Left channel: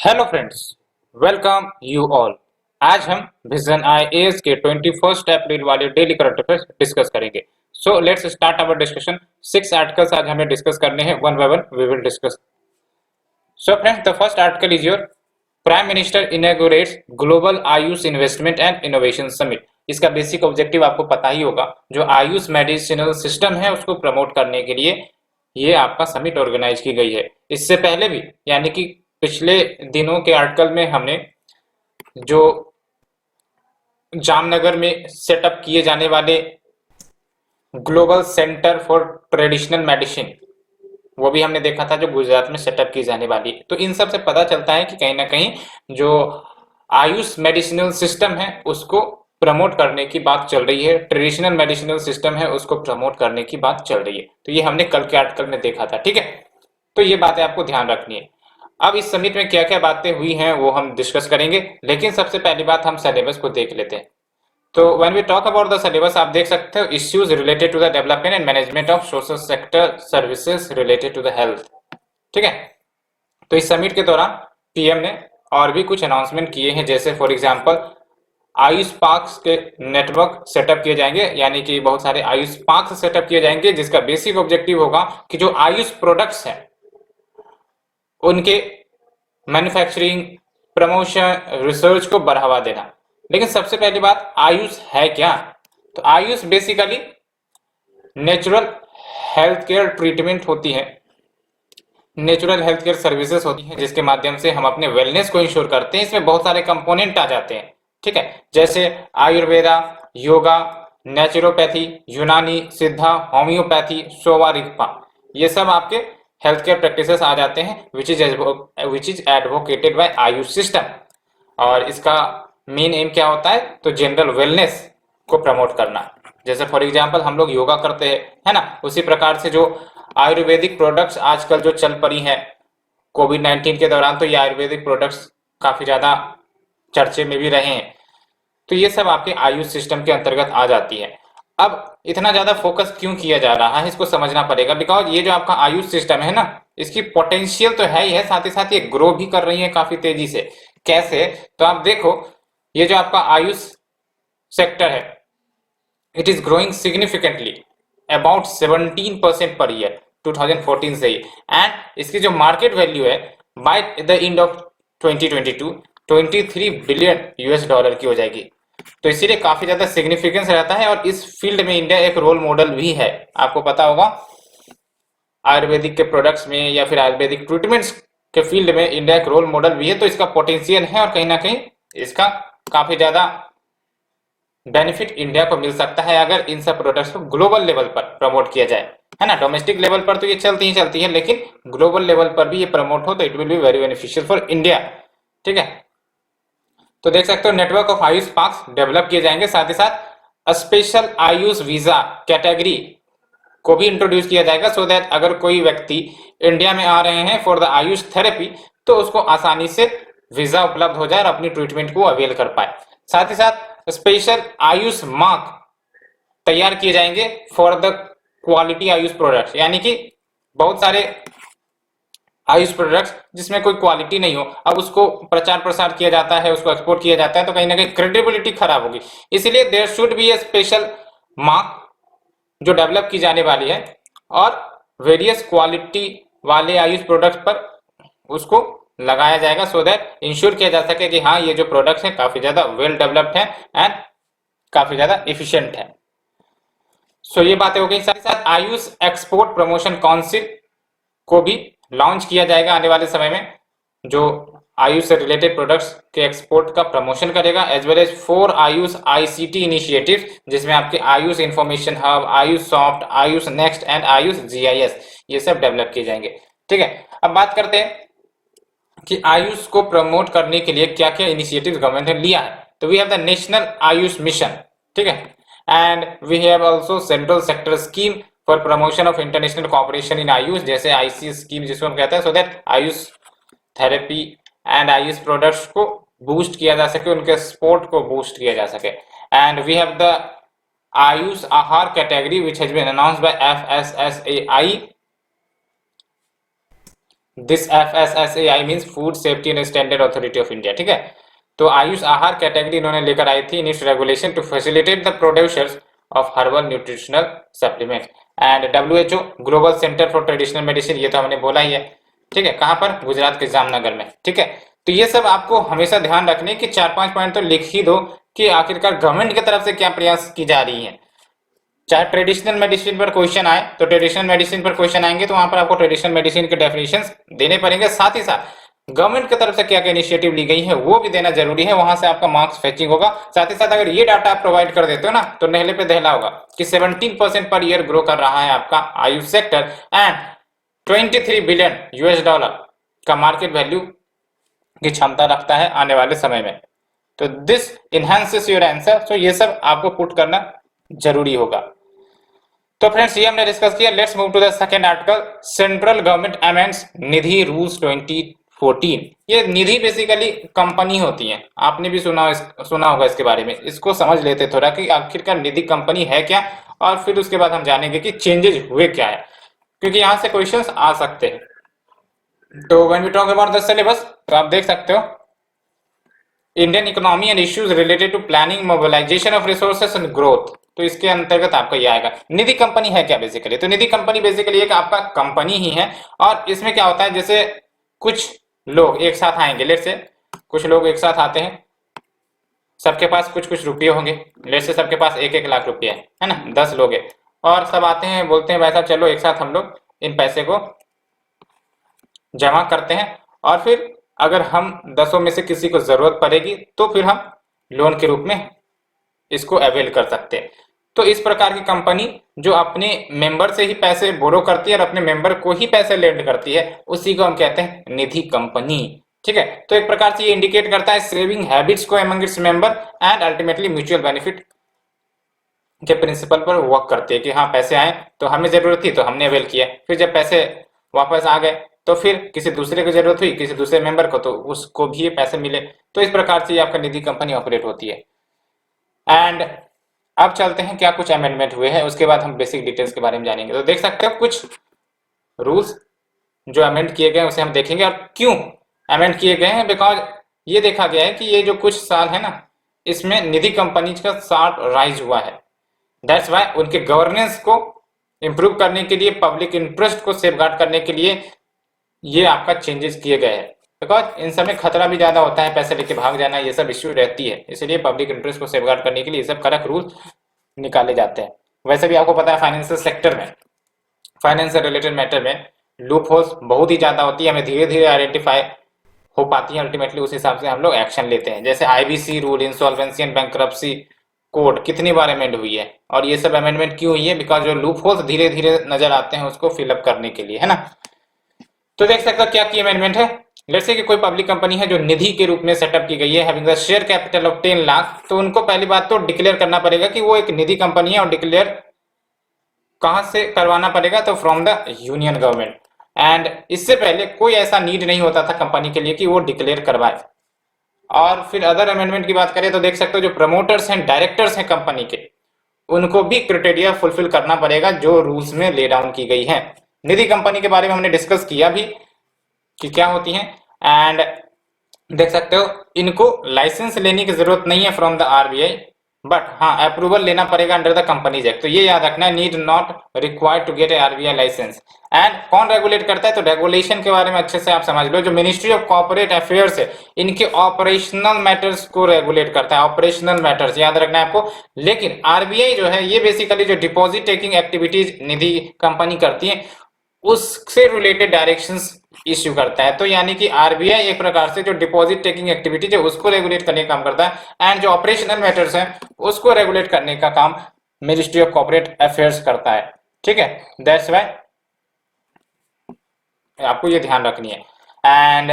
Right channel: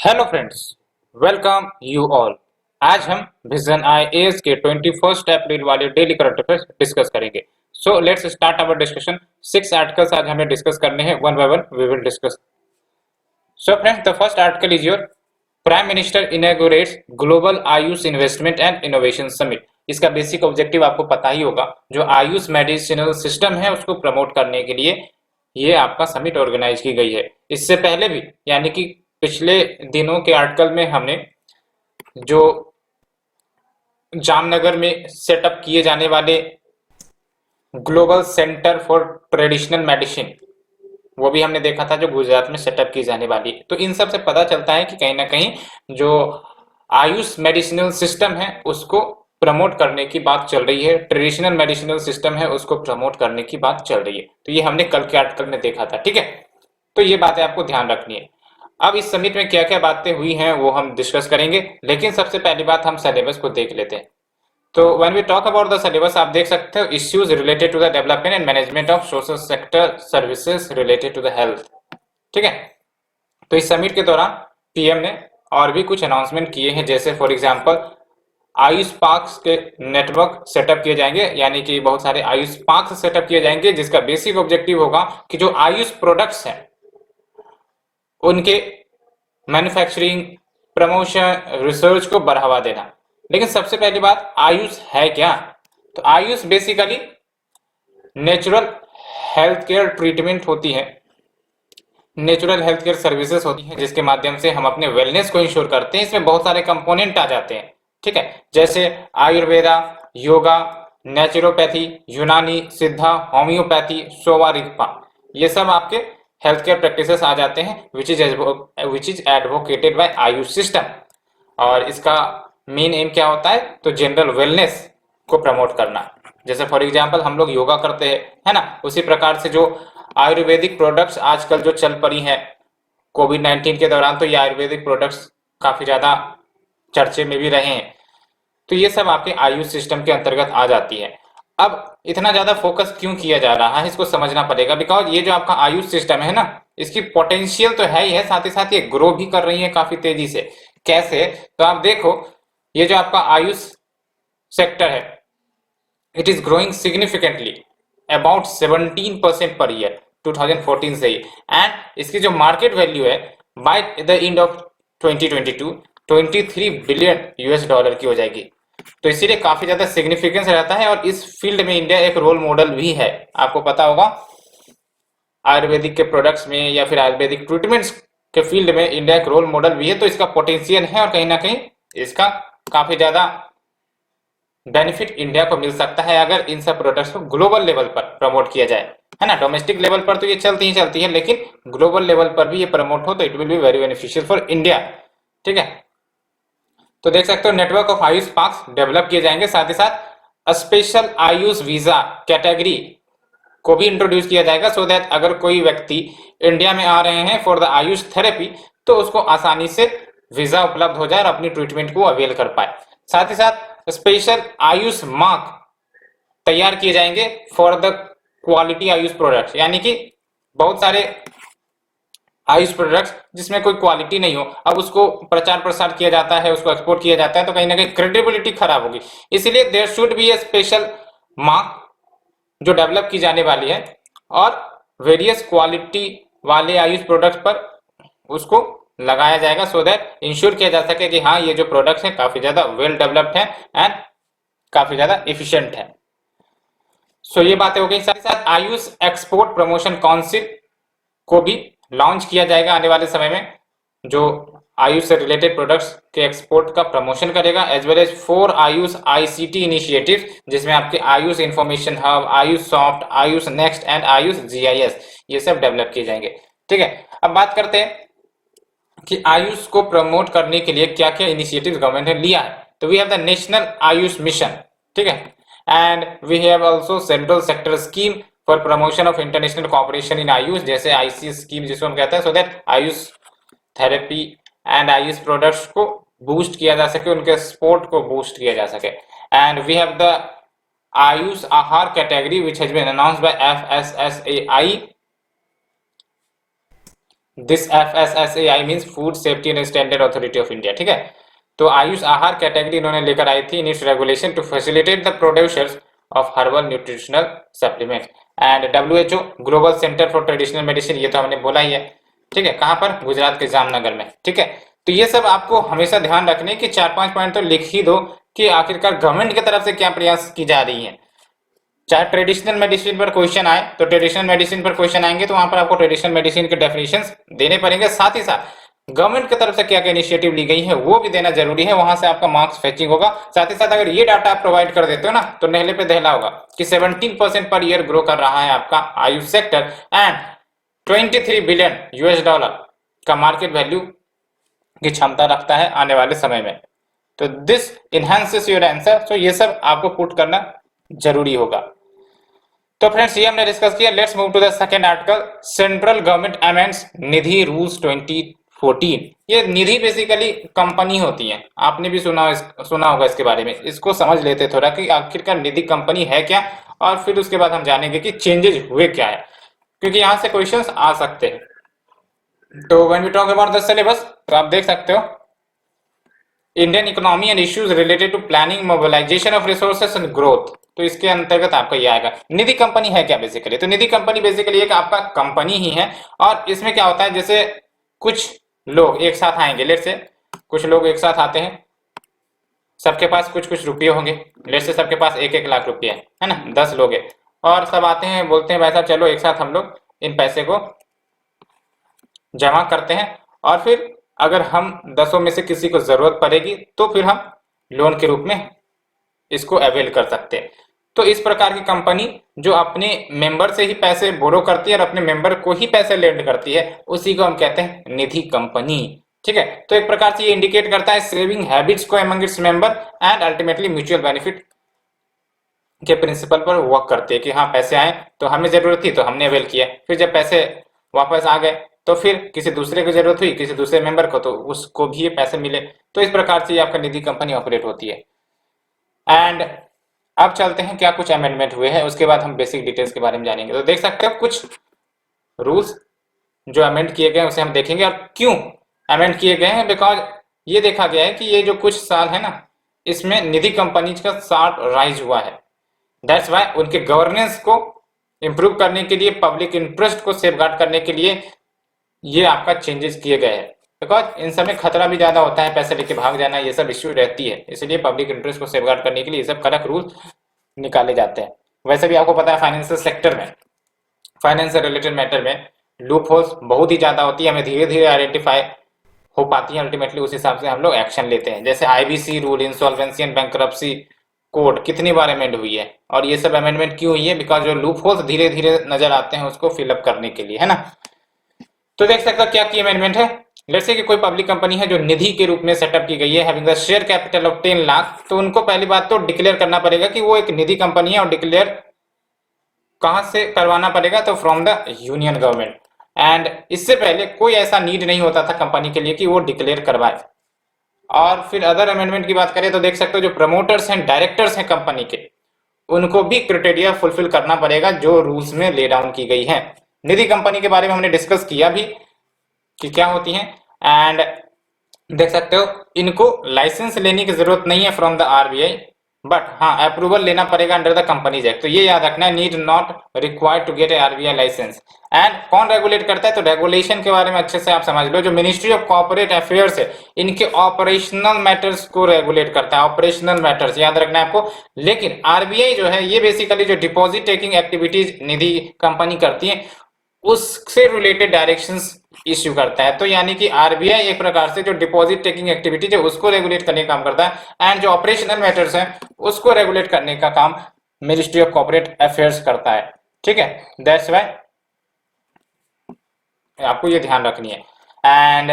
Hello friends, welcome you all. आज हम vision IAS के 21 अप्रैल वाले डेली करंट अफेयर्स डिस्कस करेंगे। So let's start our discussion. 6 articles आज हमें डिस्कस करने हैं, one by one we will discuss. So friends, the first article is your prime minister inaugurates global Ayush investment and innovation summit. इसका basic objective आपको पता ही होगा, जो आयुष मेडिसिनल सिस्टम है उसको प्रमोट करने के लिए ये आपका समिट ऑर्गेनाइज की गई है। इससे पहले भी यानी कि पिछले दिनों के आर्टिकल में हमने जो जामनगर में सेटअप किए जाने वाले global centre for traditional medicine, वो भी हमने देखा था, जो गुजरात में सेटअप की जाने वाली। तो इन सब से पता चलता है कि कहीं ना कहीं जो आयुष मेडिसिनल सिस्टम है उसको प्रमोट करने की बात चल रही है, ट्रेडिशनल मेडिसिनल सिस्टम है उसको प्रमोट करने की बात चल रही है। तो ये हमने कल के आर्टिकल में देखा था, ठीक है। तो ये बातें आपको ध्यान रखनी है। अब इस समिट में क्या क्या बातें हुई हैं वो हम डिस्कस करेंगे, लेकिन सबसे पहली बात हम सिलेबस को देख लेते हैं। तो when we talk about the syllabus, आप देख सकते हो issues related to the development and management of social sector services related to the health, ठीक है। तो इस समिट के दौरान पीएम ने और भी कुछ अनाउंसमेंट किए हैं, जैसे फॉर एग्जांपल आयुष पार्क्स के नेटवर्क सेटअप किए जाएंगे, यानी कि बहुत सारे आयुष पार्क्स सेटअप किए जाएंगे, जिसका बेसिक ऑब्जेक्टिव होगा कि जो आयुष प्रोडक्ट्स हैं उनके मैन्युफैक्चरिंग, प्रमोशन, रिसर्च को बढ़ावा देना। लेकिन सबसे पहली बात, आयुष है क्या? तो Ayush basically natural health care treatment होती है, नेचुरल हेल्थ केयर सर्विसेज होती हैं, जिसके माध्यम से हम अपने वेलनेस को इंश्योर करते हैं। इसमें बहुत सारे कंपोनेंट आ जाते हैं, ठीक है, जैसे आयुर्वेदा, योगा, नेचुरोपैथी, यूनानी, सिद्धा, होम्योपैथी, सोवा रिगपा, ये सब आपके हेल्थ केयर प्रैक्टिसेस आ जाते हैं, which is advocated by Ayush system. और इसका मेन एम क्या होता है? तो जनरल वेलनेस को प्रमोट करना। जैसे फॉर एग्जांपल हम लोग योगा करते हैं, है ना, उसी प्रकार से जो आयुर्वेदिक प्रोडक्ट्स आजकल जो चल पड़ी हैं कोविड 19 के दौरान, तो ये आयुर्वेदिक प्रोडक्ट्स काफी ज्यादा चर्चे में भी रहे हैं। तो ये सब आपके आयुष सिस्टम के अंतर्गत आ जाती है। अब इतना ज्यादा फोकस क्यों किया जा रहा है इसको समझना पड़ेगा, बिकॉज ये जो आपका आयुष सिस्टम है ना, इसकी पोटेंशियल तो है ही है, साथ ही साथ ये ग्रो भी कर रही है काफी तेजी से। कैसे? तो आप देखो, ये जो आपका आयुष सेक्टर है, it is growing significantly about 17% per year 2014 से ही। एंड इसकी जो मार्केट वैल्यू है by the end of 2022 23 billion US dollar की हो जाएगी। तो इसीलिए काफी ज्यादा सिग्निफिकेंस रहता है, और इस फील्ड में इंडिया एक रोल मॉडल भी है। आपको पता होगा आयुर्वेदिक के प्रोडक्ट्स में या फिर आयुर्वेदिक ट्रीटमेंट्स के फील्ड में इंडिया एक रोल मॉडल भी है। तो इसका पोटेंशियल है, और कहीं ना कहीं इसका काफी ज्यादा बेनिफिट इंडिया को मिल सकता है अगर इन सब प्रोडक्ट्स को ग्लोबल लेवल पर प्रमोट किया जाए, है ना। डोमेस्टिक लेवल पर तो ये चलती है, लेकिन ग्लोबल लेवल पर भी ये प्रमोट हो तो it will be very beneficial for India, ठीक है। तो देख सकते हो network of Ayush parks develop किए जाएंगे, साथ ही साथ स्पेशल आयुष वीजा कैटेगरी को भी इंट्रोड्यूस किया जाएगा, सो दैट अगर कोई व्यक्ति इंडिया में आ रहे हैं फॉर द आयुष थेरेपी तो उसको आसानी से वीजा उपलब्ध हो जाए और अपनी ट्रीटमेंट को अवेल कर पाए। साथ ही साथ स्पेशल आयुष मार्क तैयार किए जाएंगे for the quality Ayush products, यानी कि बहुत सारे आयुष प्रोडक्ट्स जिसमें कोई क्वालिटी नहीं हो, अब उसको प्रचार प्रसार किया जाता है, उसको एक्सपोर्ट किया जाता है, तो कहीं ना कहीं क्रेडिबिलिटी खराब होगी। इसलिए there should be a special mark जो डेवलप की जाने वाली है, और वेरियस क्वालिटी वाले आयुष प्रोडक्ट्स पर उसको लगाया जाएगा, सो दैट इंश्योर किया जा सके कि हाँ ये जो प्रोडक्ट्स है काफी ज्यादा वेल डेवलप्ड है एंड काफी ज्यादा एफिशिएंट है। सो ये बातें हो गई। साथ ही साथ आयुष एक्सपोर्ट प्रमोशन काउंसिल को भी लॉन्च किया जाएगा आने वाले समय में, जो आयुष से रिलेटेड प्रोडक्ट्स के एक्सपोर्ट का प्रमोशन करेगा, as well as 4 Ayush ICT initiatives, जिसमें आपके Ayush information hub, Ayush soft, Ayush next and Ayush GIS, ये सब डेवलप किए जाएंगे, ठीक है। अब बात करते हैं कि आयुष को प्रमोट करने के लिए क्या क्या इनिशिएटिव गवर्नमेंट ने लिया है। तो we have the national Ayush mission, ठीक है, and we have also central sector scheme for promotion of international cooperation in Ayush, जैसे आईसी स्कीम जिसमें कहते हैं, so that Ayush therapy and Ayush products को बूस्ट किया जा सके, उनके सपोर्ट को बूस्ट किया जा सके। And we have the Ayush Aahar category which has been announced by FSSAI, this FSSAI means food safety and standard authority of India, ठीक है। तो आयुष आहार कैटेगरी इन्होंने लेकर आई थी in its regulation to facilitate the producers of herbal nutritional supplement. And WHO global centre for traditional medicine, ये तो हमने बोला ही है, ठीक है। कहाँ पर? गुजरात के जामनगर में, ठीक है। तो ये सब आपको हमेशा ध्यान रखने की 4-5 पॉइंट तो लिख ही दो कि आखिरकार गवर्नमेंट की तरफ से क्या प्रयास की जा रही है। चाहे ट्रेडिशनल मेडिसिन पर क्वेश्चन आए तो ट्रेडिशनल मेडिसिन पर क्वेश्चन आएंगे तो वहां पर आपको ट्रेडिशनल मेडिसिन की डेफिनेशन देने पड़ेंगे, साथ ही साथ गवर्नमेंट की तरफ से क्या क्या इनिशिएटिव ली गई है वो भी देना जरूरी है, वहां से आपका मार्क्स फेचिंग होगा। साथ ही साथ अगर ये डाटा आप प्रोवाइड कर देते हो ना तो नेहले पे दहला होगा कि 17% पर ईयर ग्रो कर रहा है आपका आयुष सेक्टर एंड $23 बिलियन का मार्केट वैल्यू की क्षमता रखता है आने वाले समय में। तो दिस इनहांसेस योर आंसर, तो ये सब आपको पुट करना जरूरी होगा। तो फ्रेंड्स ये हमने डिस्कस किया। Let's move to the second article, central government amends Nidhi rules 2014। ये निधि बेसिकली कंपनी होती है, आपने भी सुना होगा इसके बारे में। इसको समझ लेते थोड़ा कि आखिरकार निधि कंपनी है क्या, और फिर उसके बाद हम जानेंगे कि चेंजेस हुए क्या है, क्योंकि यहाँ से क्वेश्चंस आ सकते हैं। तो when we talk about the syllabus, तो आप देख सकते हो Indian economy and issues related to planning, mobilisation of resources and growth. तो इसके अंतर्गत आपका ये आएगा। निधि कंपनी है क्या बेसिकली? तो निधि कंपनी बेसिकली एक आपका कंपनी ही है, और इसमें क्या होता है, जैसे कुछ लोग एक साथ आएंगे, लेट से कुछ लोग एक साथ आते हैं, सबके पास कुछ कुछ रुपये होंगे, लेट से सबके पास 1-1 लाख रुपया है ना, 10 लोग है, और सब आते हैं बोलते हैं भाई साहब चलो एक साथ हम लोग इन पैसे को जमा करते हैं, और फिर अगर हम 10 में से किसी को जरूरत पड़ेगी तो फिर हम लोन के रूप में इसको अवेल कर सकते हैं। तो इस प्रकार की कंपनी जो अपने मेंबर से ही पैसे बोरो करती है और अपने मेंबर को ही पैसे लेंड करती है, उसी को हम कहते हैं निधि कंपनी, ठीक है। तो एक प्रकार से ये इंडिकेट करता है सेविंग हैबिट्स को among its member and ultimately mutual benefit के प्रिंसिपल पर वर्क करती है कि हाँ पैसे आए तो हमें जरूरत थी तो हमने अवेल किया, फिर जब पैसे वापस आ गए तो फिर किसी दूसरे को जरूरत हुई, किसी दूसरे मेंबर को, तो उसको भी ये पैसे मिले। तो इस प्रकार से ये आपका निधि कंपनी ऑपरेट होती है। एंड अब चलते हैं क्या कुछ अमेंडमेंट हुए हैं, उसके बाद हम बेसिक डिटेल्स के बारे में जानेंगे। तो देख सकते हो कुछ रूल्स जो अमेंड किए गए उसे हम देखेंगे। अब क्यों अमेंड किए गए हैं, बिकॉज ये देखा गया है कि ये जो कुछ साल है ना, इसमें निधि कंपनी का शार्प राइज हुआ है। दैट्स वाई उनके गवर्नेंस को इंप्रूव करने के लिए, पब्लिक इंटरेस्ट को सेफगार्ड करने के लिए ये आपका चेंजेस किए गए हैं, बिकॉज इन सब में खतरा भी ज्यादा होता है, पैसे लेके भाग जाना, ये सब इश्यू रहती है, इसलिए पब्लिक इंटरेस्ट को सेफगार्ड करने के लिए ये सब कड़क रूल निकाले जाते हैं। वैसे भी आपको पता है फाइनेंशियल सेक्टर में, फाइनेंस से रिलेटेड मैटर में लूप होल्स बहुत ही ज्यादा होती है, हमें धीरे धीरे आइडेंटिफाई हो पाती है, अल्टीमेटली उस हिसाब से हम लोग एक्शन लेते हैं। जैसे IBC rule, insolvency and bankruptcy code कितनी बार अमेंड हुई है, और ये सब अमेंडमेंट क्यों हुई है, बिकॉज जो लूप होल्स धीरे धीरे नजर आते हैं उसको फिलअप करने के लिए, है ना। तो देख सकते हो क्या की अमेंडमेंट है। जैसे कि कोई पब्लिक कंपनी है जो निधि के रूप में सेटअप की गई है, having a share capital of 10 lakh, तो उनको पहली बात तो डिक्लेयर करना पड़ेगा कि वो एक निधि कंपनी है, और डिक्लेयर कहां से करवाना पड़ेगा, तो from the union government. And इससे पहले कोई ऐसा नीड नहीं होता था कंपनी के लिए कि वो डिक्लेयर करवाए। और फिर अदर अमेंडमेंट की बात करें तो देख सकते हो जो प्रमोटर्स एंड डायरेक्टर्स हैं कंपनी के, उनको भी क्राइटेरिया फुलफिल करना पड़ेगा जो रूल्स में ले डाउन की गई है। निधि कंपनी के बारे में हमने डिस्कस किया भी कि क्या होती है। एंड देख सकते हो इनको लाइसेंस लेने की जरूरत नहीं है फ्रॉम द RBI, बट हाँ अप्रूवल लेना पड़ेगा अंडर द कंपनीज एक्ट। तो ये याद रखना, need not required to get a RBI licence. And कौन रेगुलेट करता है, तो रेगुलेशन के बारे में अच्छे से आप समझ लो, जो मिनिस्ट्री ऑफ कॉर्पोरेट अफेयर्स है इनके ऑपरेशनल मैटर्स को रेगुलेट करता है, ऑपरेशनल मैटर्स याद रखना है आपको। लेकिन RBI जो है ये बेसिकली जो डिपॉजिट टेकिंग एक्टिविटीज निधि कंपनी करती है उससे रिलेटेड डायरेक्शंस इश्यू करता है। तो यानी कि RBI एक प्रकार से जो डिपॉजिट टेकिंग एक्टिविटीज है उसको रेगुलेट करने का काम करता है, एंड जो ऑपरेशनल मैटर्स है उसको रेगुलेट करने का काम मिनिस्ट्री ऑफ कॉर्पोरेट अफेयर्स करता है, ठीक है। दैट्स व्हाई आपको ये ध्यान रखनी है। And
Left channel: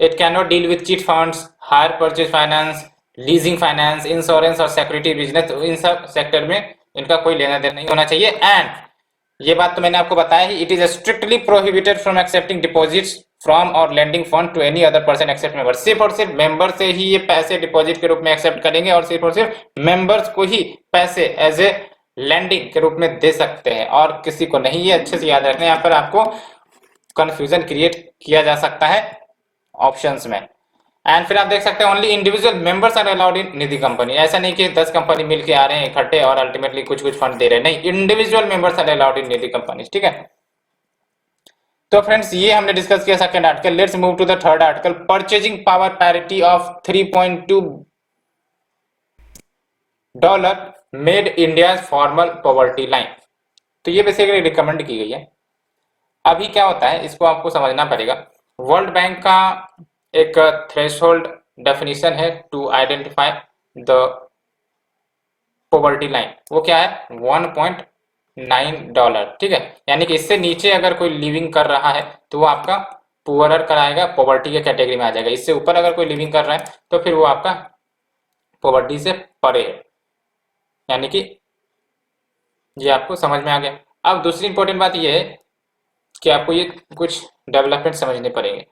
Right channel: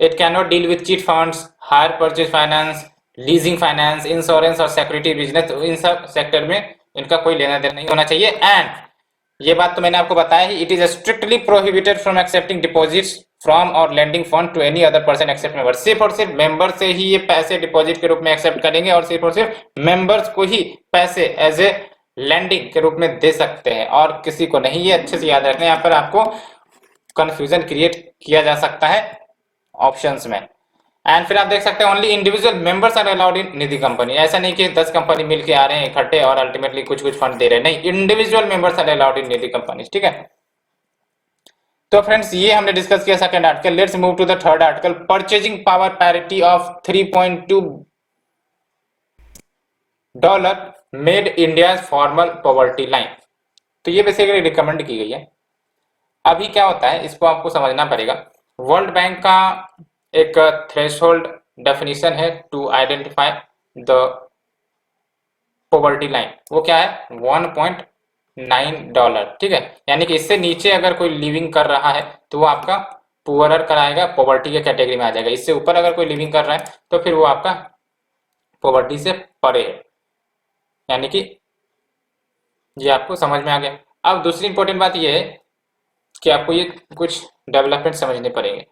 it can not deal with chit funds, hire purchase finance, leasing finance, insurance और सिक्योरिटी बिजनेस। इन सब सेक्टर में इनका कोई लेना देना नहीं होना चाहिए। एंड ये बात तो मैंने आपको बताया ही, it is strictly prohibited from accepting deposits from और lending fund to any other person except member. सिर्फ और सिर्फ मेंबर से ही ये पैसे डिपॉजिट के रूप में एक्सेप्ट करेंगे, और सिर्फ मेंबर्स को ही पैसे एज ए लेंडिंग के रूप में दे सकते हैं, और किसी को नहीं। ये अच्छे से याद रखना, यहाँ पर आपको कंफ्यूजन क्रिएट किया जा सकता है ऑप्शंस में। एंड फिर आप देख सकते हैं only individual members are allowed in Nidhi company. ऐसा नहीं कि 10 कंपनी मिलके आ रहे हैं इकट्ठे और अल्टीमेटली कुछ कुछ फंड दे रहे हैं, नहीं, individual members are allowed in Nidhi company, ठीक है। तो फ्रेंड्स ये हमने डिस्कस किया second article. Let's move to the third article, purchasing power parity of $3.2 made India formal poverty line. तो ये बेसिकली रिकमेंड की गई है। अभी क्या होता है इसको आपको समझना पड़ेगा। वर्ल्ड बैंक का एक थ्रेशोल्ड डेफिनेशन है to identify the poverty line. वो क्या है? $1.9, ठीक है। यानी कि इससे नीचे अगर कोई लिविंग कर रहा है तो वो आपका पुअरर कराएगा, पॉवर्टी के कैटेगरी में आ जाएगा। इससे ऊपर अगर कोई लिविंग कर रहा है तो फिर वो आपका पॉवर्टी से परे है। यानी कि ये आपको समझ में आ गया। अब दूसरी इंपॉर्टेंट बात ये है कि आपको ये कुछ डेवलपमेंट समझने पड़ेंगे।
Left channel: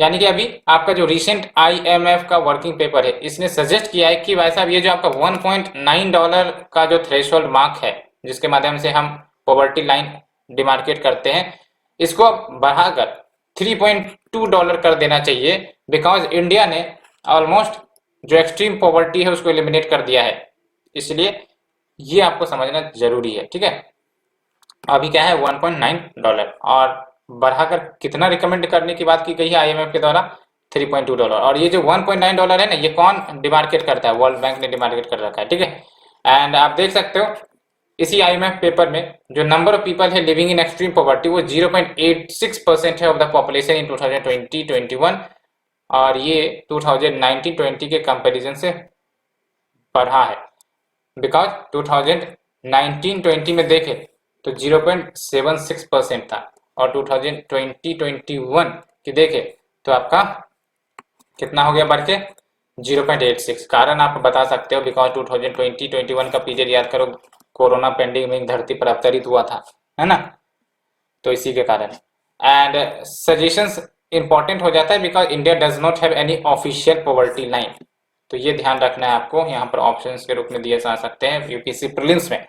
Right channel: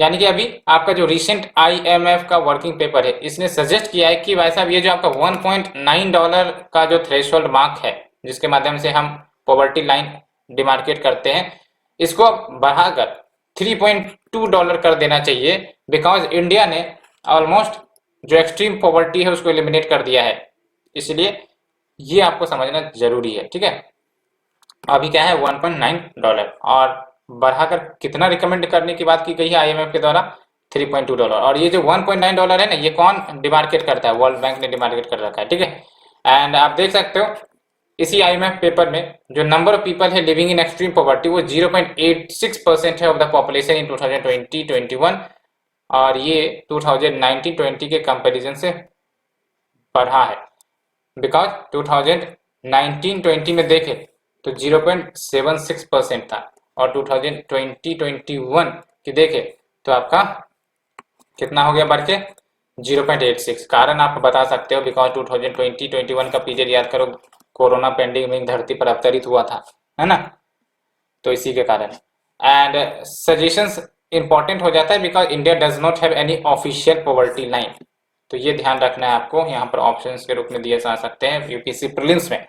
यानी कि अभी आपका जो रिसेंट आईएमएफ का वर्किंग पेपर है इसने सजेस्ट किया है कि भाई साहब ये जो आपका $1.9 का जो थ्रेशोल्ड मार्क है जिसके माध्यम से हम पॉवर्टी लाइन डिमार्केट करते हैं, इसको बढ़ाकर $3.2 कर देना चाहिए। बिकॉज इंडिया ने ऑलमोस्ट जो एक्सट्रीम पॉवर्टी है उसको एलिमिनेट कर दिया है, इसलिए ये आपको समझना जरूरी है, ठीक है। अभी क्या है $1.9 और बढ़ाकर कितना रिकमेंड करने की बात की गई है आईएमएफ के द्वारा? $3.2। और ये जो $1.9 है ना, ये कौन डिमार्केट करता है? वर्ल्ड बैंक ने डिमार्केट कर रखा है, ठीक है। एंड आप देख सकते हो इसी आईएमएफ पेपर में जो नंबर ऑफ पीपल है लिविंग इन एक्सट्रीम पॉवर्टी वो 0.86% है ऑफ द पॉपुलेशन इन 2020-21। और ये 2019-20 के कंपेरिजन से बढ़ा है। बिकॉज 2019-20 में देखें तो 0.76% था और 2020-21 की देखें तो आपका कितना हो गया बढ़ के 0.86। कारण आप बता सकते हो बिकॉज 2020-21 का पीरियड याद करो, कोरोना पेंडेमिक धरती पर अवतरित हुआ था, है ना, तो इसी के कारण। एंड सजेशंस इंपॉर्टेंट हो जाता है because India does not have any official poverty line. तो ये ध्यान रखना है आपको, यहाँ पर ऑप्शंस के रूप में दिए जा सकते हैं यूपीएससी प्रीलिम्स में।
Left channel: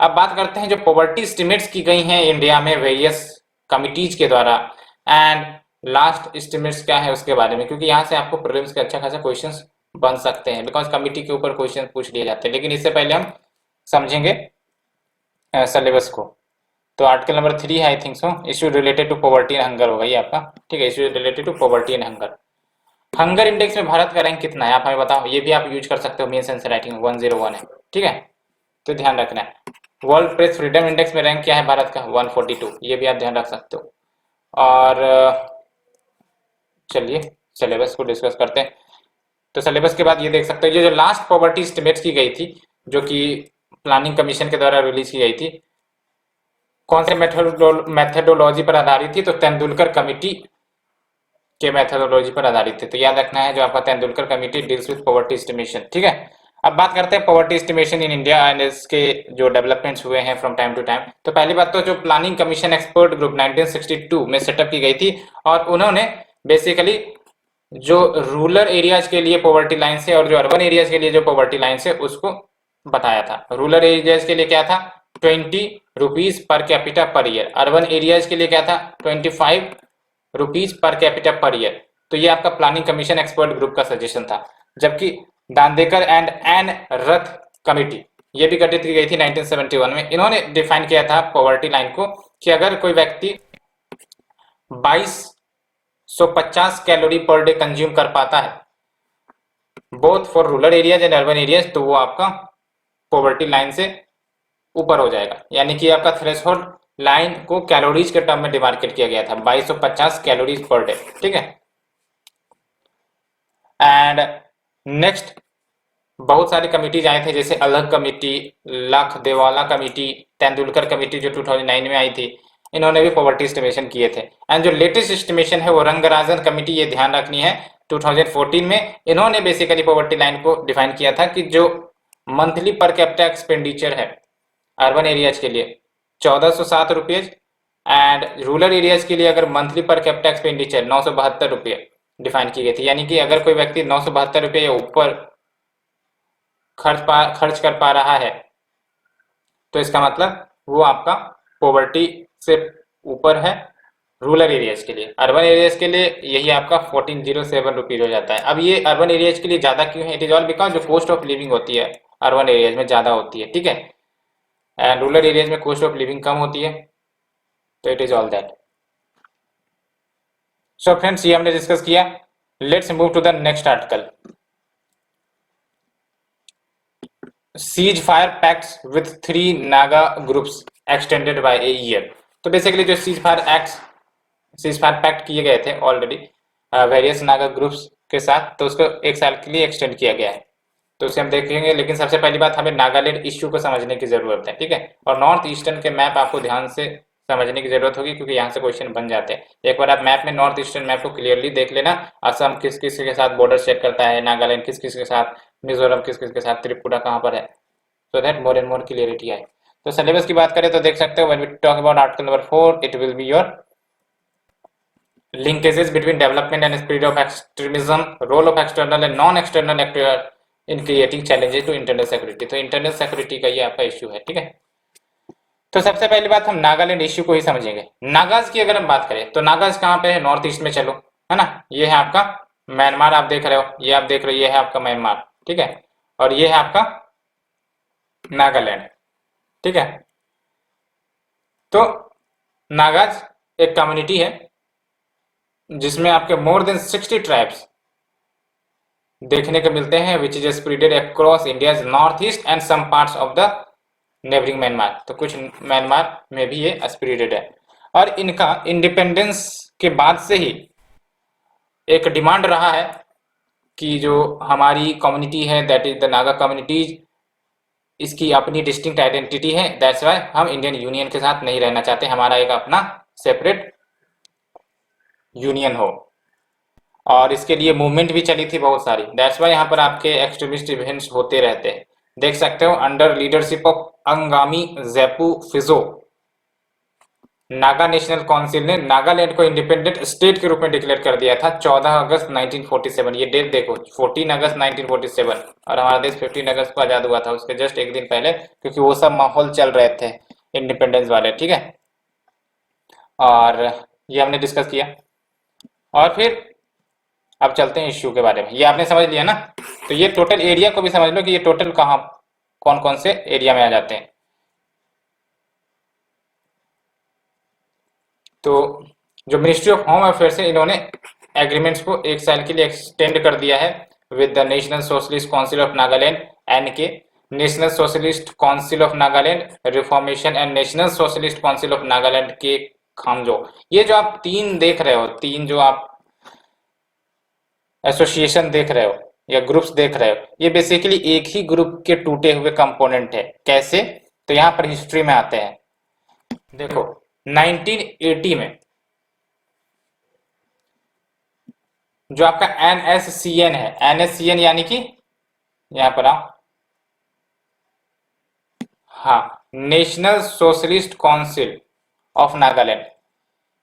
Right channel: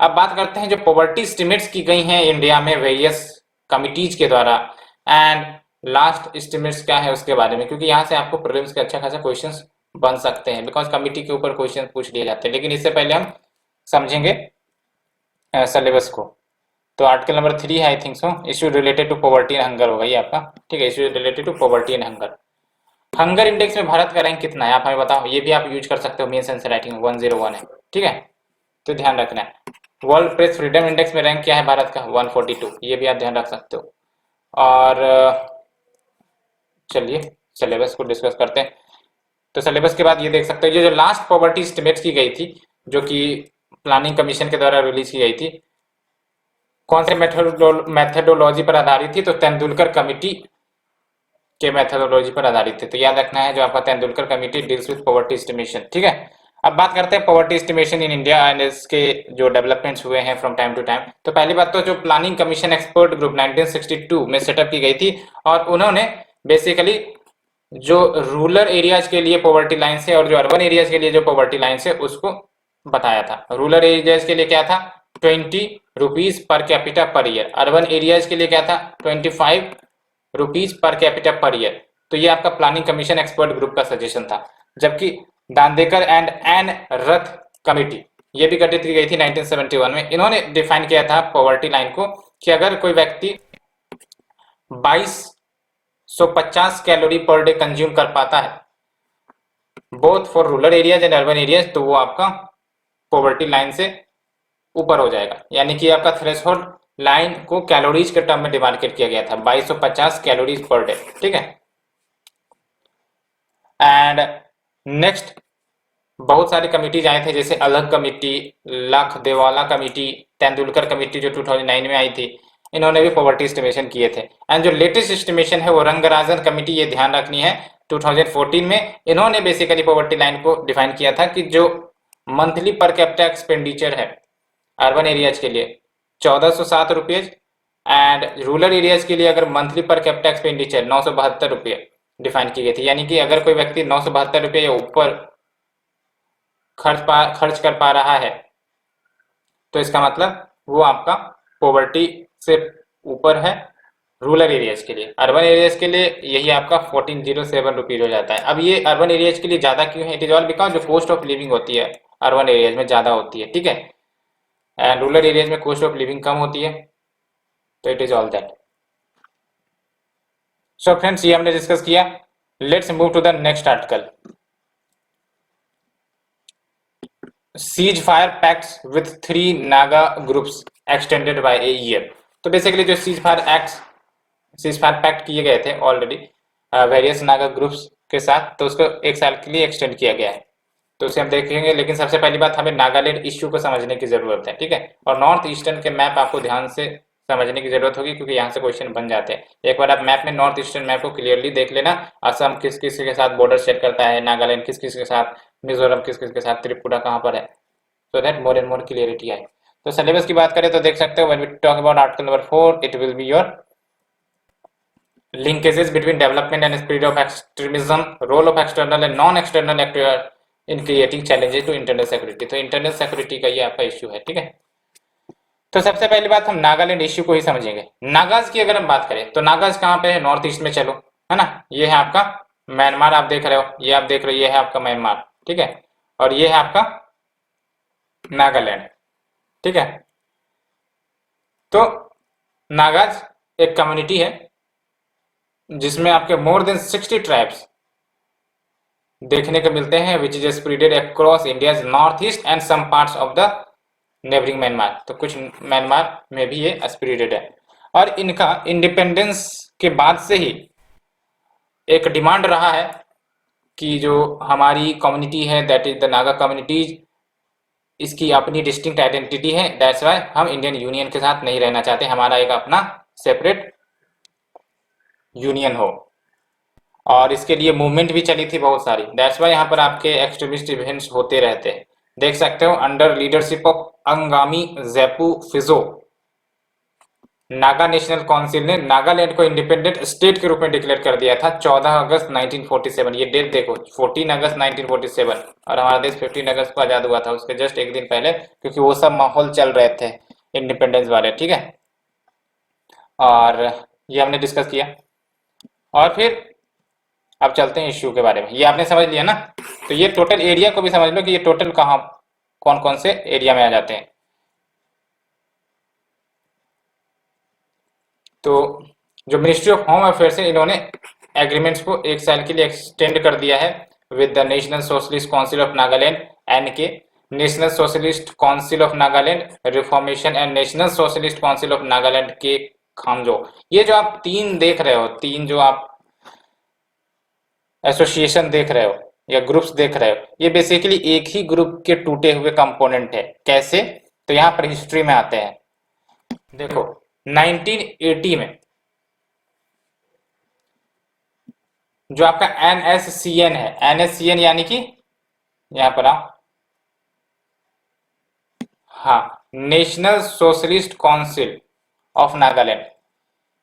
अब बात करते हैं जो पॉवर्टी एस्टिमेट्स की गई हैं इंडिया में वेरियस कमिटीज के द्वारा, एंड लास्ट एस्टिमेट्स क्या है उसके बारे में, क्योंकि यहाँ से आपको प्रीलिम्स के अच्छा खासा क्वेश्चंस बन सकते हैं बिकॉज कमिटी के ऊपर क्वेश्चन पूछ लिए जाते हैं। लेकिन इससे पहले हम समझेंगे सिलेबस को। तो आर्टिकल नंबर 3 है I think so, issue related to poverty and hunger होगा ये आपका, ठीक है। Issue related to poverty and hunger. Hunger index में भारत का रैंक कितना है आप हमें बताओ। ये भी आप यूज कर सकते हो, मेंस आंसर राइटिंग 101 है, ठीक है। तो ध्यान रखना है। वर्ल्ड प्रेस फ्रीडम इंडेक्स में रैंक क्या है भारत का? 142, ये भी आप ध्यान रख सकते हो। और चलिए सिलेबस को डिस्कस करते हैं। तो सिलेबस के बाद ये देख सकते हैं ये जो लास्ट पॉवर्टी एस्टिमेट्स की गई थी जो कि प्लानिंग कमीशन के द्वारा रिलीज की गई थी, कौन से मेथोडोलॉजी पर आधारित थी? तो तेंदुलकर कमिटी के मेथोडोलॉजी पर आधारित थे। तो याद रखना है जो आपका Tendulkar committee deals with poverty estimation, ठीक है। अब बात करते हैं poverty estimation in India and इसके जो डेवलपमेंट्स हुए हैं फ्रॉम टाइम टू टाइम। तो पहली बात तो जो प्लानिंग कमीशन एक्सपर्ट ग्रुप 1962 में सेटअप की गई थी और उन्होंने बेसिकली जो रूरल एरियाज के लिए पॉवर्टी लाइन से और जो अर्बन एरियाज के लिए जो पॉवर्टी लाइन से उसको बताया था। रूरल एरियाज के लिए क्या था? ₹20 per capita per year. Urban areas के लिए क्या था? ₹25 पर कैपिटा पर ईयर। तो ये आपका प्लानिंग कमीशन एक्सपर्ट ग्रुप का सजेशन था। जबकि दांदेकर एंड एन रथ कमिटी ये भी गठित की गई थी 1971 में। इन्होंने डिफाइन किया था पॉवर्टी लाइन को कि अगर कोई व्यक्ति 2250 कैलोरी पर डे कंज्यूम कर पाता है both for rural areas and urban areas तो वो आपका पॉवर्टी लाइन से ऊपर हो जाएगा। यानी कि आपका थ्रेशोल्ड लाइन को कैलोरीज के टर्म में डिमार्केट किया गया था 2250 कैलोरीज पर डे, ठीक है। एंड नेक्स्ट बहुत सारी कमिटीज आए थे जैसे अलग कमेटी, लखदेवाला कमेटी, तेंदुलकर कमेटी जो 2009 में आई थी, इन्होंने भी पॉवर्टी एस्टिमेशन किए थे। एंड जो लेटेस्ट एस्टिमेशन है वो रंगराजन कमेटी, ये ध्यान रखनी है, 2014 में इन्होंने बेसिकली पॉवर्टी लाइन को डिफाइन किया था कि जो मंथली पर कैपिटा एक्सपेंडिचर है अर्बन एरियाज के लिए ₹1407 एंड रूरल एरियाज के लिए अगर monthly per capita expenditure ₹972 define की गई थी। यानी कि अगर कोई व्यक्ति ₹972 या ऊपर खर्च कर पा रहा है तो इसका मतलब वो आपका पॉवर्टी से ऊपर है रूरल एरियाज के लिए। अर्बन एरियाज के लिए यही आपका 1407 रुपीज हो जाता है। अब ये अर्बन एरियाज के लिए ज़्यादा क्यों है? इट इज ऑल बिकॉज जो कॉस्ट ऑफ लिविंग होती है अर्बन एरियाज में ज़्यादा होती है, ठीक है, एंड रूरल एरियाज में कॉस्ट ऑफ लिविंग कम होती है। तो it is all that. So friends, ये हमने डिस्कस किया। Let's move to the next article. Ceasefire pacts with 3 Naga groups extended by a year. तो बेसिकली जो सीज फायर पैक्ट किए गए थे ऑलरेडी वेरियस नागा ग्रुप्स के साथ, तो उसको 1 साल के लिए एक्सटेंड किया गया है। तो उसे हम देखेंगे, लेकिन सबसे पहली बात हमें नागालैंड इश्यू को समझने की जरूरत है, ठीक है। और नॉर्थ ईस्टर्न के मैप आपको ध्यान से समझने की जरूरत होगी, क्योंकि यहाँ से क्वेश्चन बन जाते हैं। एक बार आप मैप में नॉर्थ ईस्टर्न मैप को क्लियरली देख लेना। असम किस किस के साथ बॉर्डर शेयर करता है, नागालैंड किस किस के साथ, मिजोरम किस किस के साथ, त्रिपुरा कहाँ पर है, so that more and more clarity आए। तो सिलेबस की बात करें तो देख सकते हो, when we talk about article number 4 it will be your linkages between development and spread of extremism, role of external and non-external actor in creating challenges to internal security। तो इंटरनल सिक्योरिटी का ये आपका issue है, ठीक है। तो सबसे पहली बात हम नागालैंड इश्यू को ही समझेंगे। नागाज की अगर हम बात करें तो नागाज कहाँ पे है? नॉर्थ ईस्ट में, चलो, है ना। ये है आपका म्यांमार, आप देख रहे हो, ये आप देख रहे हो, ये है आपका म्यांमार, ठीक है, और ये है आपका नागालैंड, ठीक है। तो नागाज एक कम्युनिटी है जिसमें आपके मोर देन 60 ट्राइब्स देखने को मिलते हैं, which is spreaded across India's north east and some parts of the neighbouring Myanmar. तो कुछ म्यांमार में भी ये स्प्रेडेड है। और इनका इंडिपेंडेंस के बाद से ही एक डिमांड रहा है कि जो हमारी कम्युनिटी है, that is the Naga communities, इसकी अपनी डिस्टिंक्ट आइडेंटिटी है। दैट्स वाई हम इंडियन यूनियन के साथ नहीं रहना चाहते, हमारा एक अपना सेपरेट यूनियन हो। और इसके लिए मूवमेंट भी चली थी बहुत सारी। दैट्स वाई यहाँ पर आपके एक्सट्रीमिस्ट इवेंट्स होते रहते हैं। देख सकते हो, under leadership of Angami Zapu Phizo, Naga national council ने नागालैंड को इंडिपेंडेंट स्टेट के रूप में डिक्लेयर कर दिया था 14 अगस्त 1947। ये डेट देखो, 14 अगस्त 1947, और हमारा देश 15 अगस्त को आजाद हुआ था, उसके जस्ट एक दिन पहले, क्योंकि वो सब माहौल चल रहे थे इंडिपेंडेंस वाले, ठीक है। और ये हमने डिस्कस किया। और फिर अब चलते हैं इश्यू के बारे में। ये आपने समझ लिया ना। तो ये टोटल एरिया को भी समझ लो कि ये टोटल कहाँ कौन कौन से एरिया में आ जाते हैं। तो जो मिनिस्ट्री ऑफ होम अफेयर्स है, इन्होंने एग्रीमेंट्स को 1 साल के लिए एक्सटेंड कर दिया है with the National Socialist Council of Nagaland, NK, National Socialist Council of Nagaland, reformation and National Socialist Council of Nagaland के खामजो। ये जो आप तीन देख रहे हो, तीन जो आप एसोसिएशन देख रहे हो या ग्रुप्स देख रहे हो, ये बेसिकली एक ही ग्रुप के टूटे हुए कंपोनेंट है। कैसे? तो यहाँ पर हिस्ट्री में आते हैं। देखो 1980 में जो आपका एनएससीएन है, एनएससीएन यानी कि यहाँ पर आओ, हाँ, national Socialist Council of Nagaland,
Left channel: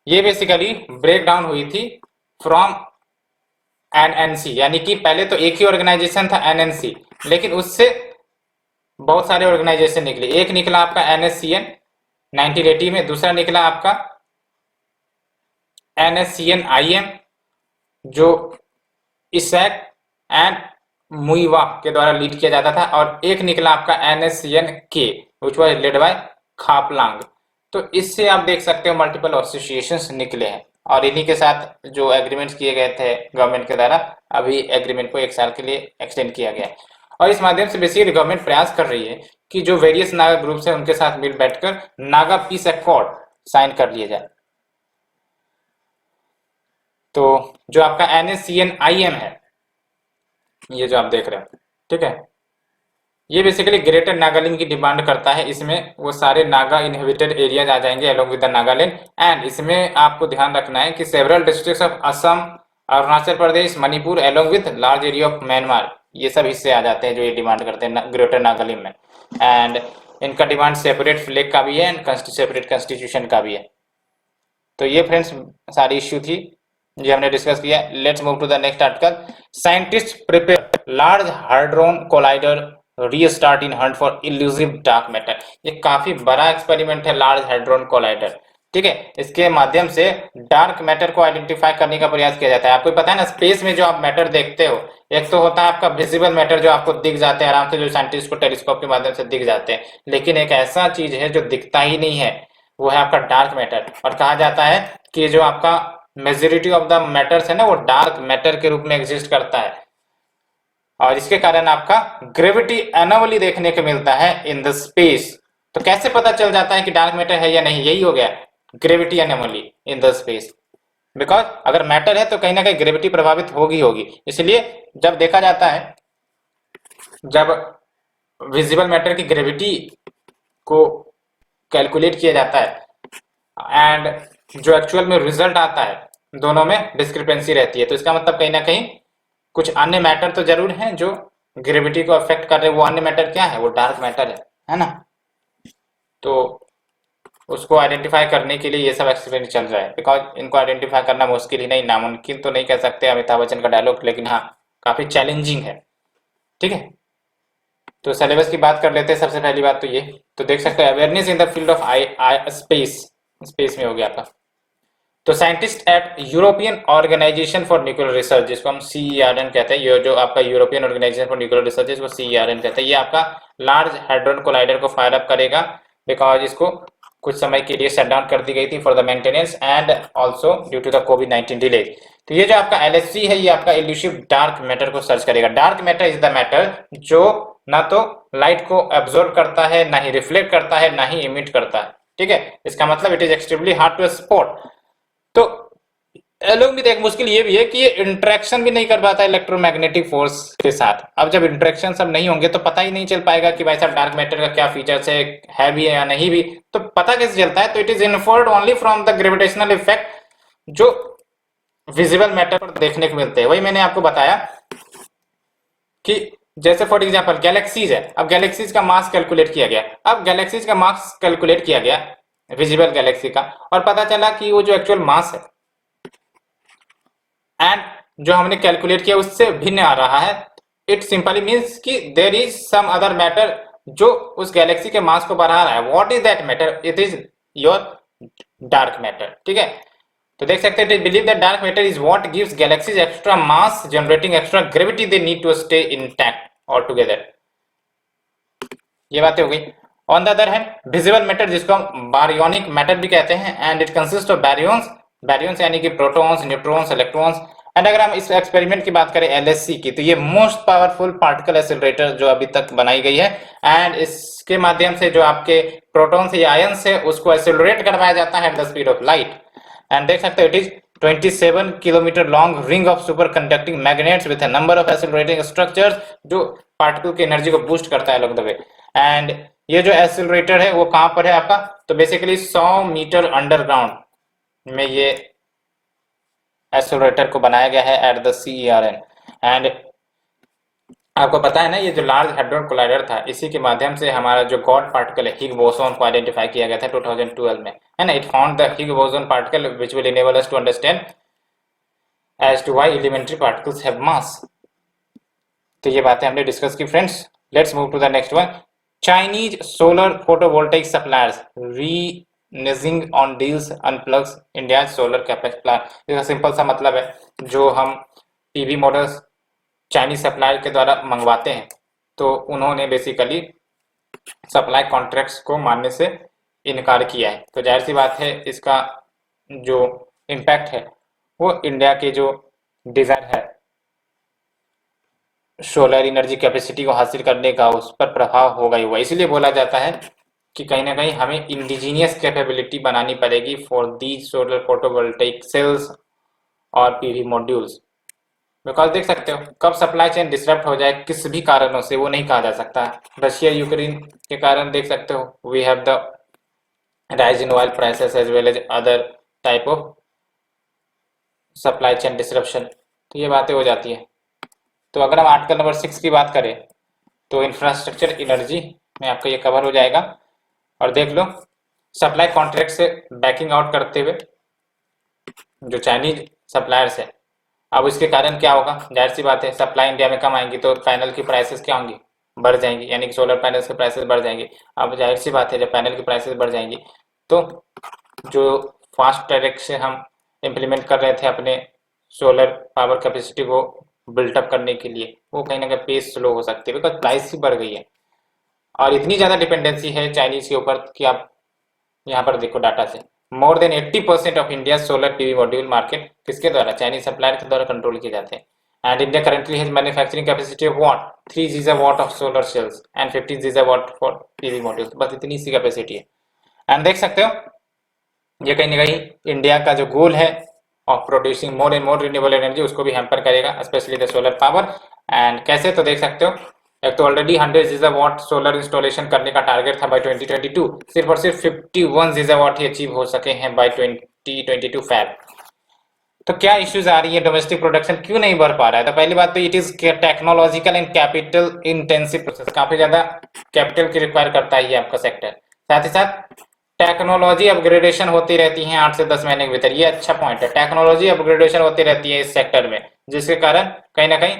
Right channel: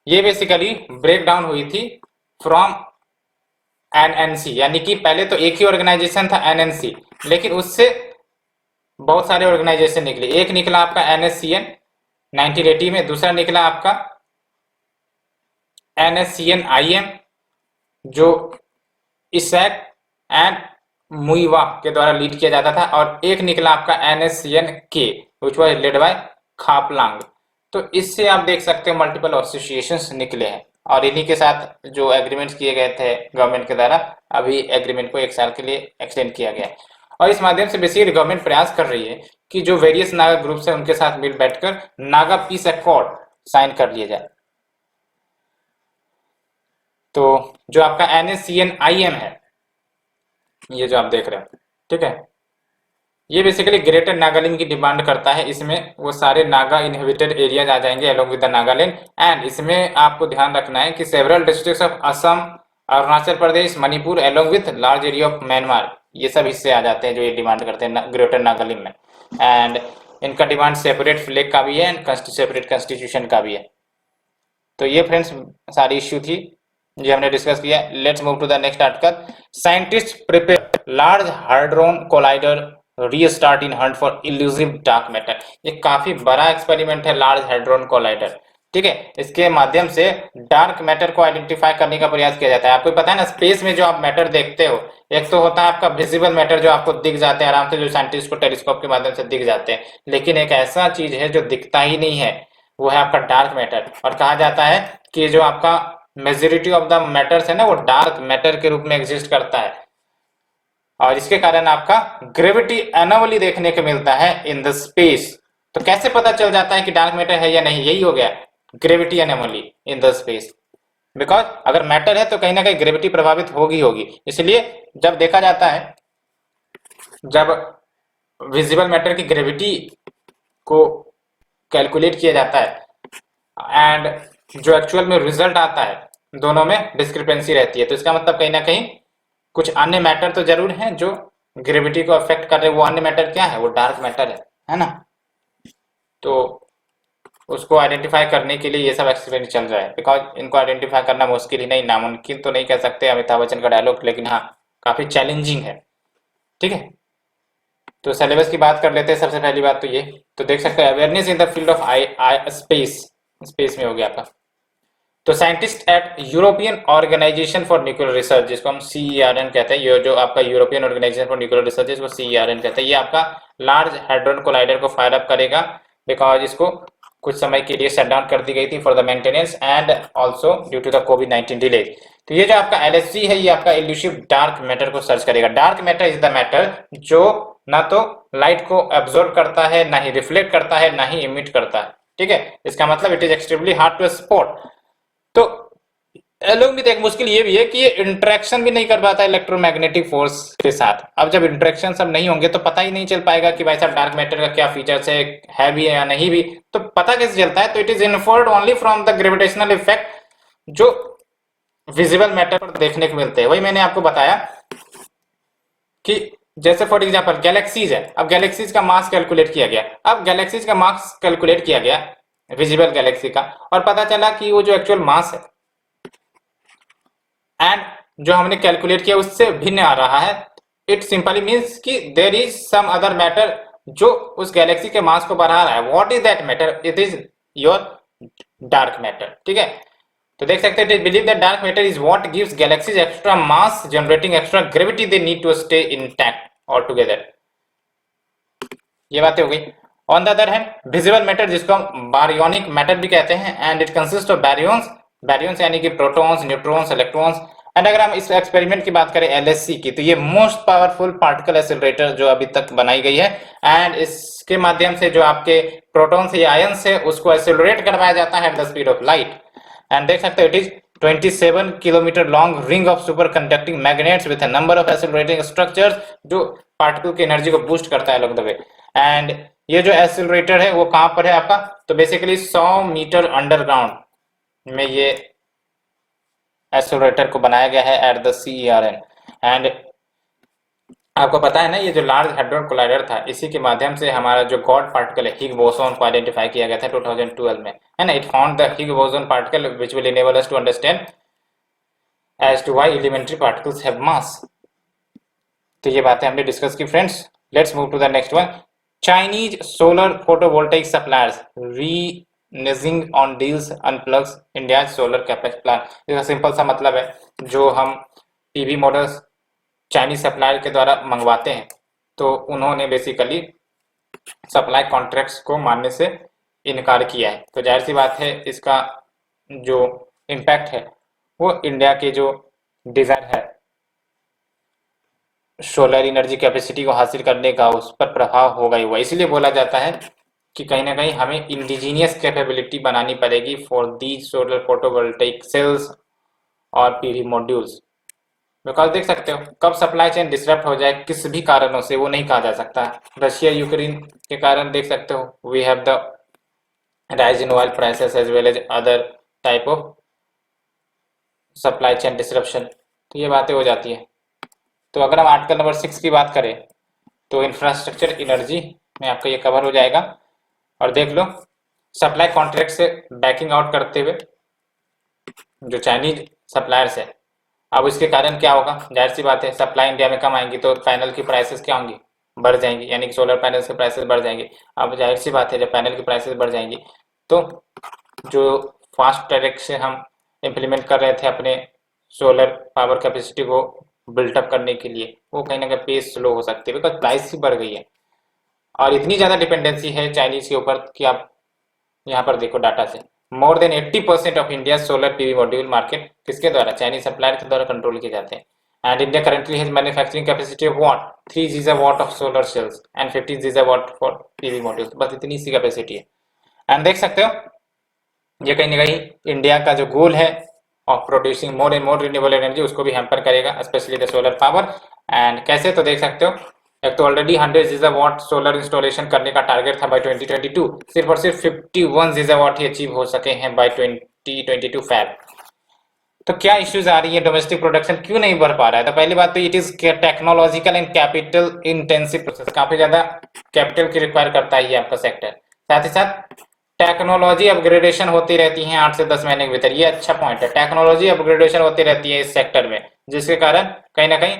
ये बेसिकली ब्रेक डाउन हुई थी फ्रॉम एनएनसी, यानी कि पहले तो एक ही ऑर्गेनाइजेशन था एनएनसी, लेकिन उससे बहुत सारे ऑर्गेनाइजेशन निकले। एक निकला आपका एनएससीएन 1980 में, दूसरा निकला आपका एनएससीएन आईएम जो इसैक एंड मुइवा के द्वारा लीड किया जाता था, और एक निकला आपका एनएससीएन के which was led by Khaplang. तो इससे आप देख सकते हो मल्टीपल एसोसिएशंस निकले हैं, और इन्हीं के साथ जो एग्रीमेंट्स किए गए थे गवर्नमेंट के द्वारा, अभी एग्रीमेंट को 1 साल के लिए एक्सटेंड किया गया है। और इस माध्यम से बेसिकली गवर्नमेंट प्रयास कर रही है कि जो वेरियस नागा ग्रुप्स है उनके साथ मिल बैठकर नागा पीस अकॉर्ड साइन कर लिया जाए। तो जो आपका एनएससीएन आईएम है, ये जो आप देख रहे हो, ठीक है, ये बेसिकली ग्रेटर नागालैंड की डिमांड करता है। इसमें वो सारे नागा इनहेबिटेड एरियाज आ जाएंगे along with the Nagaland, and इसमें आपको ध्यान रखना है कि several districts of Assam, Arunachal Pradesh, Manipur along with large area of Myanmar, ये सब हिस्से आ जाते हैं जो ये डिमांड करते हैं ग्रेटर नागालैंड में। एंड इनका डिमांड सेपरेट फ्लैग का भी है एंड सेपरेट कॉन्स्टिट्यूशन का भी है। तो ये फ्रेंड्स सारी इश्यू थी, ये हमने डिस्कस किया। Let's move to the next article. Scientist prepare large hadron collider restart in hunt for elusive dark matter. ये काफी बड़ा एक्सपेरिमेंट है लार्ज हाड्रोन कोलाइडर। ठीक है, इसके माध्यम से डार्क मैटर को आइडेंटिफाई करने का प्रयास किया जाता है। आपको पता है ना, स्पेस में जो आप मैटर देखते हो, एक तो होता है आपका विजिबल मैटर जो आपको दिख जाते हैं आराम से, जो साइंटिस्ट को टेलीस्कोप के माध्यम से दिख जाते हैं, लेकिन एक ऐसा चीज है जो दिखता ही नहीं है, वो है आपका डार्क मैटर। और कहा जाता है कि जो आपका मेजोरिटी ऑफ द मैटर्स है ना, वो डार्क मैटर के रूप में एग्जिस्ट करता है, और इसके कारण आपका ग्रेविटी एनोमली देखने को मिलता है इन द स्पेस। तो कैसे पता चल जाता है कि डार्क मैटर है या नहीं? यही हो गया, gravity anomaly in the space. Because अगर मैटर है तो कहीं ना कहीं ग्रेविटी प्रभावित होगी होगी, इसलिए जब देखा जाता है, जब विजिबल मैटर की ग्रेविटी को कैलकुलेट किया जाता है एंड जो एक्चुअल में रिजल्ट आता है, दोनों में डिस्क्रिपेंसी रहती है, तो इसका मतलब कहीं ना कहीं कुछ अन्य मैटर तो जरूर हैं जो ग्रेविटी को अफेक्ट कर रहे हैं। वो अन्य मैटर क्या है? वो डार्क मैटर है ना। तो उसको आइडेंटिफाई करने के लिए ये सब एक्सपेरिमेंट चल रहा है, बिकॉज इनको आइडेंटिफाई करना मुश्किल ही नहीं, नामुमकिन तो नहीं कह सकते अमिताभ बच्चन का डायलॉग, लेकिन हाँ काफी चैलेंजिंग है। ठीक है, तो सिलेबस की बात कर लेते हैं। सबसे पहली बात तो ये, तो देख सकते हैं awareness in the field of space, space में हो गया आपका। तो scientist at European Organization for Nuclear Research, जिसको हम CERN कहते हैं, ये जो आपका European Organization for Nuclear Research, इसको CERN कहते हैं, ये आपका लार्ज हाइड्रोजन कोलाइडर को फायर अप करेगा, बिकॉज इसको कुछ समय के लिए शट डाउन कर दी गई थी for the maintenance and also due to the कोविड-19 डिले। तो ये जो आपका LHC है, ये आपका इल्यूसिव डार्क मैटर को सर्च करेगा। Dark matter is the matter जो ना तो लाइट को एब्जॉर्ब करता है, ना ही रिफ्लेक्ट करता है, ना ही इमिट करता है। ठीक है, इसका मतलब it is extremely hard to spot. तो एलोग में एक मुश्किल ये भी है कि ये इंटरेक्शन भी नहीं कर पाता इलेक्ट्रोमैग्नेटिक फोर्स के साथ। अब जब इंटरेक्शन सब नहीं होंगे तो पता ही नहीं चल पाएगा कि भाई साहब डार्क मैटर का क्या फीचर्स है भी है या नहीं भी। तो पता कैसे चलता है? तो it is inferred only from the gravitational effect जो विजिबल मैटर पर देखने को मिलते हैं। वही मैंने आपको बताया कि जैसे फॉर एग्जाम्पल गैलेक्सीज है, अब गैलेक्सीज का मास कैलकुलेट किया गया, अब गैलेक्सीज का मास कैलकुलेट किया गया विजिबल गैलेक्सी का, और पता चला कि वो जो एक्चुअल मास है एंड जो हमने कैलकुलेट किया उससे भिन्न आ रहा है। इट सिंपली मीन्स कि there is some other matter जो उस गैलेक्सी के मास को बढ़ा रहा है। What is that matter? It is your dark matter. ठीक है, तो देख सकते हैं believe that dark matter is what gives galaxies extra mass generating extra gravity they need to stay intact all together. ये बातें हो गई। On the other hand visible matter, जिसको हम बारियोनिक मैटर भी कहते हैं, एंड इट कंसिस्ट ऑफ बैरियंस, बैरियंस यानी कि प्रोटॉन्स, न्यूट्रॉन्स, इलेक्ट्रॉन्स। एंड अगर हम इस एक्सपेरिमेंट की बात करें LHC की, तो ये मोस्ट पावरफुल पार्टिकल एक्सेलरेटर जो अभी तक बनाई गई है, एंड इसके माध्यम से जो आपके प्रोटॉन्स या आयंस है उसको एक्सेलरेट करवाया जाता है at the speed of light. And देख सकते हो it is 27 kilometre long ring of super conducting magnets with a number of accelerating structures, जो पार्टिकल की एनर्जी को बूस्ट करता है अलॉन्ग द वे। एंड ये जो एक्सेलरेटर है वो कहाँ पर है आपका? तो बेसिकली 100 मीटर अंडरग्राउंड में ये एक्सेलरेटर को बनाया गया है एट द CERN। एंड आपको पता है ना, ये जो लार्ज हैड्रोजन कोलाइडर था, इसी के माध्यम से हमारा जो गॉड पार्टिकल है हिग बोसोन को आइडेंटिफाई किया गया था 2012 में, है ना। It found the Higgs boson particle which will enable us to understand as to why elementary particles have mass. तो ये बातें हमने डिस्कस की friends. Let's move to the next one. Chinese solar photovoltaic suppliers reneging on deals unplugs India solar capex plant. इसका simple सा मतलब है, जो हम PV मॉडल्स चाइनीज सप्लायर के द्वारा मंगवाते हैं, तो उन्होंने बेसिकली सप्लाई कॉन्ट्रैक्ट्स को मानने से इनकार किया है। तो जाहिर सी बात है इसका जो इम्पैक्ट है वो इंडिया के जो डिजायर है सोलर एनर्जी कैपेसिटी को हासिल करने का, उस पर प्रभाव होगा ही होगा। इसलिए बोला जाता है कि कहीं ना कहीं हमें इंडिजीनियस कैपेबिलिटी बनानी पड़ेगी for the solar photovoltaic cells और PV मॉड्यूल्स। बिकॉज देख सकते हैं कब सप्लाई चेन डिसरप्ट हो जाए किसी भी कारणों से वो नहीं कहा जा सकता। रशिया यूक्रेन के कारण देख सकते हो we have the rise in oil prices as well as other type of supply chain disruption. तो ये बातें हो जाती है। तो अगर हम आर्टिकल नंबर 6 की बात करें तो इंफ्रास्ट्रक्चर एनर्जी में आपका ये कवर हो जाएगा। और देख लो सप्लाई कॉन्ट्रैक्ट से बैकिंग आउट करते हुए जो चाइनीज सप्लायर्स है, अब इसके कारण क्या होगा? जाहिर सी बात है सप्लाई इंडिया में कम आएंगी तो पैनल की प्राइसेस क्या होंगी? बढ़ जाएंगी, यानी कि सोलर पैनल्स की प्राइसेस बढ़ जाएंगी। अब जाहिर सी बात है जब पैनल की प्राइसेस बढ़ जाएंगी तो जो फास्ट ट्रैक से हम इम्प्लीमेंट कर रहे थे अपने सोलर पावर कैपेसिटी को बिल्टअप करने के लिए, वो कहीं ना कहीं पेस स्लो हो सकती है, बिकॉज प्राइस ही बढ़ गई है और इतनी ज़्यादा डिपेंडेंसी है चाइनीज के ऊपर कि आप यहाँ पर देखो डाटा से more than 80% of India solar PV module market किसके द्वारा, चाइनीज सप्लायर के द्वारा कंट्रोल किए जाते हैं। And India currently has manufacturing capacity of what 3 gigawatt of solar cells and 15 gigawatt for PV modules, बस इतनी सी कैपेसिटी है। आप देख सकते हो ये कहीं ना कहीं इंडिया का जो गोल है of producing more and more renewable energy उसको भी हैम्पर करेगा, specially the solar power. And कैसे, तो देख सकते हो एक तो ऑलरेडी 100 गीगावाट सोलर इंस्टॉलेशन करने का टारगेट था बाय 2022, सिर्फ और सिर्फ 51 गीगावाट ही अचीव हो सके हैं बाय 2022 फैब। तो क्या इश्यूज आ रही है, डोमेस्टिक प्रोडक्शन क्यों नहीं बढ़ पा रहा है? तो पहली बात तो it is technological and capital intensive process, काफी ज्यादा कैपिटल की रिक्वायर करता है ये आपका सेक्टर। साथ ही साथ टेक्नोलॉजी अपग्रेडेशन होती रहती है 8 से 10 महीने के भीतर, ये अच्छा पॉइंट है, टेक्नोलॉजी अपग्रेडेशन होती रहती है इस सेक्टर में, जिसके कारण कहीं ना कहीं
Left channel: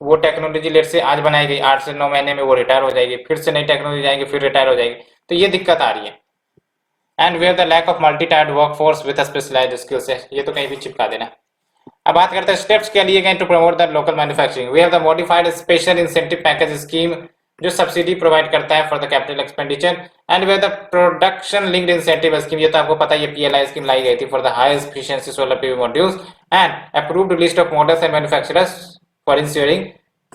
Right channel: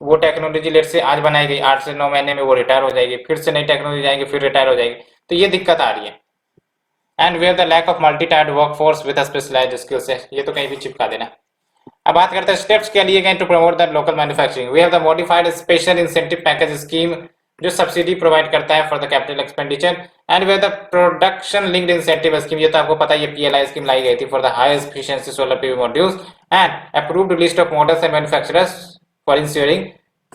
वो टेक्नोलॉजी लेट से आज बनाई गई 8 से 9 महीने में वो रिटायर हो जाएगी, फिर से नई टेक्नोलॉजी आएगी फिर रिटायर हो जाएगी, तो ये दिक्कत आ रही है। And where the lack of multi tiered workforce with specialised skills है, ये तो कहीं भी चिपका देना। अब बात करते हैं स्टेप्स क्या लिए गए to promote the local manufacturing. We have the modified special incentive package scheme जो सब्सिडी प्रोवाइड करता है for the capital expenditure. And we have the production linked incentive scheme, ये तो आपको पता है ये पीएलआई स्कीम लाई गई थी for the highest efficiency solar PV modules. And approved list of models and manufacturers for ensuring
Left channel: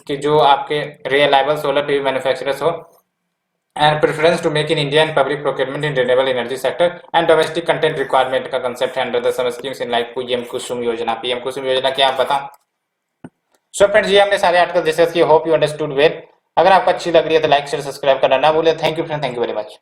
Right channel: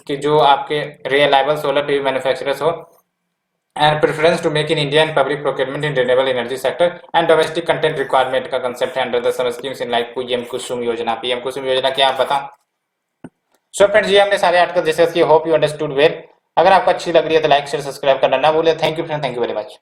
कि जो आपके रिलायबल सोलर पीवी मैन्युफैक्चरर्स हो, and preference to make in India and public procurement in renewable energy sector and domestic content requirement का concept है under the some schemes in like PM कुसुम योजना। PM कुसुम योजना क्या आप बताओ। सो फ्रेंड्स, ये हमने सारे आर्टिकल डिस्कस किए, होप यू अंडरस्टूड वेल। अगर आपको अच्छी लग रही है तो लाइक शेयर सब्सक्राइब करना ना भूले। Thank you friend, thank you very much.